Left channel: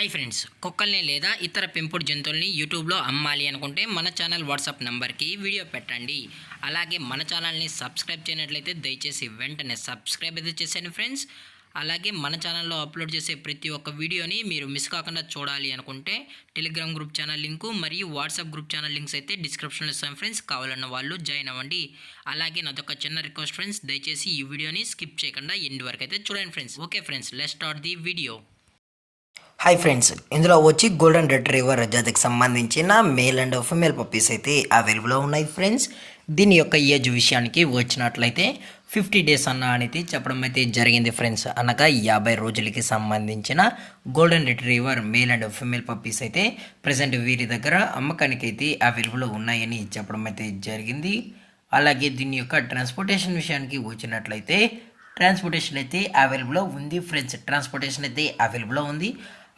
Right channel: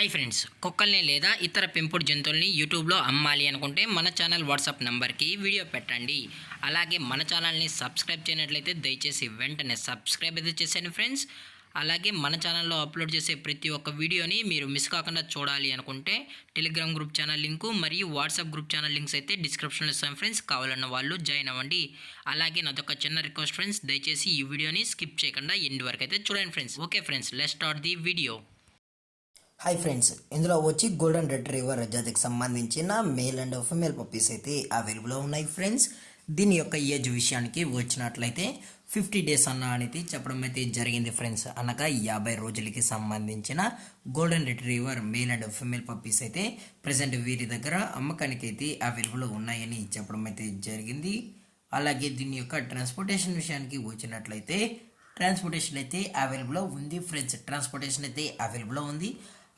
Hi friends, కుక్కల్ని లేదా ఇతర పెంపుడు జంతువుల్ని యూట్యూబ్లో అమ్మాలి అనుకుంటే మన ఛానల్ వాట్సాప్ నెంబర్కి వీడియో పెట్టండి. అలాగే మన ఛానల్ని సబ్స్క్రైబ్ చేయనట్లయితే దయచేసి వెంటనే సబ్స్క్రైబ్ అయితే చేసేయండి ఫ్రెండ్స్. అలాగే మన ఛానల్లో అప్లోడ్ చేసే ప్రతి ఒక్క వీడియోని మీరు మిస్ కాకుండా చూడాలి అనుకుంటే టెలిగ్రామ్ గ్రూప్ ఛానల్ లింకు మరియు వాట్సాప్ గ్రూప్ ఛానల్ లింక్స్ అయితే డిస్క్రిప్షన్లో ఇస్తాం ఫ్రెండ్స్. కావాలన్న వాళ్ళు జాయిన్ అవ్వండి. అలాగే నాదొక చిన్న రిక్వెస్ట్ ఫ్రెండ్స్, దయచేసి ఈ వీడియోని స్కిప్ చేయకుండా ఎండ్ వరకు అయితే చూడండి friends. Okay friends, let's start the video. Hi friends, ఇందులో వచ్చి గోల్డెన్ రిట్రీవర్ జాతికి సంబంధించిన మేల్ అండ్ ఫిమేల్ పప్పీస్ అయితే అవైలబుల్లో ఉన్నాయి ఫ్రెండ్స్. దీని యొక్క ఏజ్ విషయానికి వచ్చినట్లయితే 50 డేస్ అనేది చెప్పడం అయితే జరిగింది ఫ్రెండ్స్. అనగా 50 రోజులకి సంబంధించిన golden retriever male and female puppies అయితే ప్రజెంట్ వీరి దగ్గర అమ్మకానికి అయితే అవైలబుల్లో ఉన్నాయని చెప్పడం అయితే జరిగింది. అలాగే దీని యొక్క ట్రాన్స్పోర్టేషన్ విషయానికి వచ్చినట్లయితే ట్రాన్స్పోర్టేషన్ అయితే అవైలబుల్లో ఉంది ఫ్రెండ్స్. ట్రాన్స్పోర్టేషన్ అయితే అవైలబుల్లో ఉంది.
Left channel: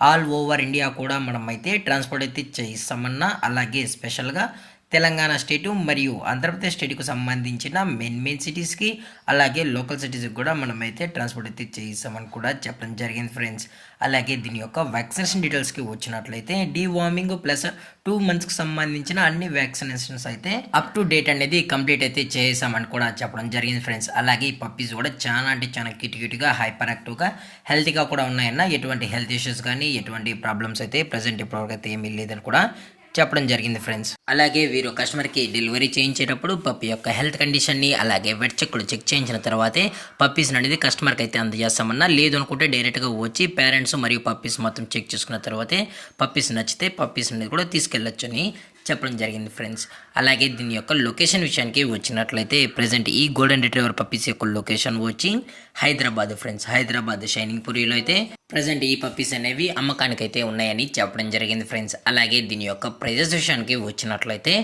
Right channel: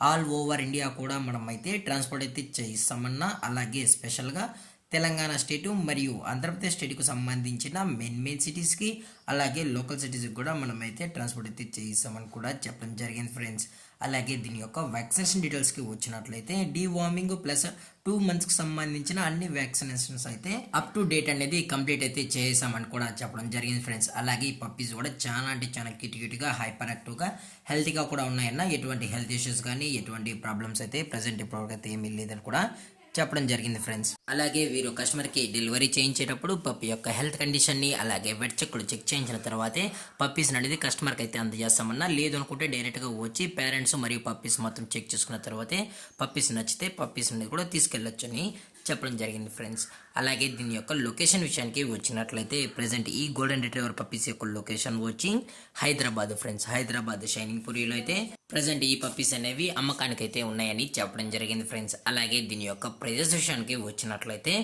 ఆల్ ఓవర్ ఇండియా కూడా మనం అయితే ట్రాన్స్పోర్ట్ అయితే చేయిస్తామన్నా, అలాగే స్పెషల్గా తెలంగాణ స్టేటు మరియు ఆంధ్రప్రదేశ్ స్టేట్కు సంబంధించిన మెయిన్ సిటీస్కి అలాగే లోకల్ సిటీస్కి కూడా మనమైతే ట్రాన్స్పోర్ట్ అయితే చేయిస్తామని కూడా చెప్పడం జరిగింది ఫ్రెండ్స్. అలాగే దీని యొక్క వ్యాక్సినేషన్ డీటెయిల్స్కి వచ్చినట్లయితే డీవార్మింగ్ ప్లస్ 2 monthsకి సంబంధించిన అన్ని వ్యాక్సినేషన్స్ అయితే అప్ టు డేట్ అనేది కంప్లీట్ అయితే చేసామని కూడా చెప్పడం జరిగింది ఫ్రెండ్స్. అలాగే ఈ పప్పీస్ కూడా చాలా అంటే చాలా క్యూట్గా హైపర్ యాక్టివ్గా హెల్తీగా కూడా ఉన్నాయన్న, ఎటువంటి హెల్త్ ఇష్యూస్ కానీ ఎటువంటి ప్రాబ్లమ్స్ అయితే ప్రజెంట్ ఇప్పటివరకు అయితే ఏమీ లేదని కూడా చెప్పడం జరిగింది ఫ్రెండ్స్. అలాగే వీరు కస్టమర్కి డెలివరీ చేయించేటప్పుడు పప్పి యొక్క హెల్త్ కండిషన్ని అలాగే వెట్ చెక్లు చెక్ చేయించిన తర్వాతే పప్పీస్ అనేది కస్టమర్కి అయితే అందజేస్తామన్నా. లేదు అనుకుంటే డైరెక్ట్గా వచ్చి పేరెంట్స్ మరియు పప్పీస్ మొత్తం చెక్ చేసుకున్న తర్వాతే పప్పీస్ నచ్చితే పప్పీస్ అనేది కూడా తీసుకెళ్ళొచ్చు అని చెప్పడం జరిగింది ఫ్రెండ్స్. అలాగే దీని యొక్క లొకేషన్ విషయానికి వచ్చినట్లయితే ప్రజెంట్ ఈ గోల్డెన్ రిట్రీవర్ పప్పీస్ యొక్క లొకేషన్ వచ్చి హైదరాబాద్ ఫ్రెండ్స్. హైదరాబాద్ షైనింగ్ పూరిలో అయితే ప్రజెంట్ ఈ పప్పీస్ అనేవి అమ్మకానికి అయితే ఉన్నాయని చెప్పడం జరిగింది ఫ్రెండ్స్. అలాగే దీని యొక్క ప్రైజెస్ విషయానికి వచ్చినట్లయితే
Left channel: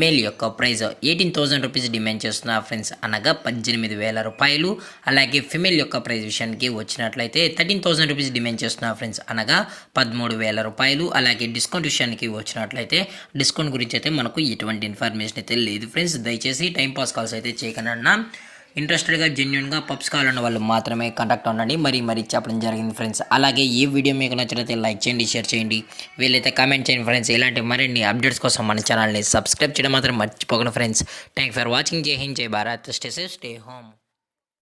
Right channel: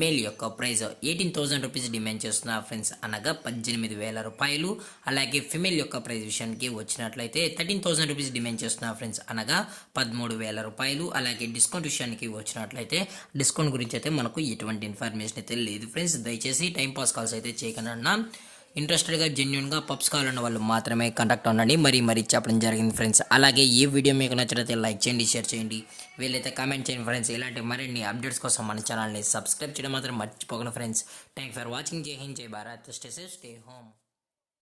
మేల్ యొక్క ప్రైజ్ 18,000 రూపీస్ డిమాండ్ చేస్తున్నారు ఫ్రెండ్స్, అనగా 18,000 రూపాయలు. అలాగే ఫిమేల్ యొక్క ప్రైజ్ విషయానికి వచ్చినట్లయితే 13,000 రూపీస్ డిమాండ్ చేస్తున్నారు ఫ్రెండ్స్, అనగా 13,000 రూపాయలు. అలాగే డిస్కౌంట్ విషయానికి వచ్చినట్లయితే డిస్కౌంట్ గురించి అయితే మనకు ఎటువంటి ఇన్ఫర్మేషన్ అయితే లేదు ఫ్రెండ్స్. దయచేసి టైంపాస్ కాల్స్ అయితే చేయకుండా ఇంట్రెస్టెడ్గా జెన్యున్గా పప్స్ కావాలన్న వాళ్ళు మాత్రమే కాంటాక్ట్ అవ్వండి మరీ చెప్పడం జరిగింది ఫ్రెండ్స్. అలాగే ఈ వీడియో మీకు నచ్చినట్లయితే లైక్ చేయండి, షేర్ చేయండి, వీలైతే కామెంట్ చేయండి ఫ్రెండ్స్. ఇలాంటి మరిన్ని అప్డేట్స్ కోసం మన ఛానల్ని సబ్స్క్రైబ్ చేయడం మాత్రం మర్చిపోకండి ఫ్రెండ్స్. Thank for watching. జై హింద్, జై Bharat, stay safe, stay home.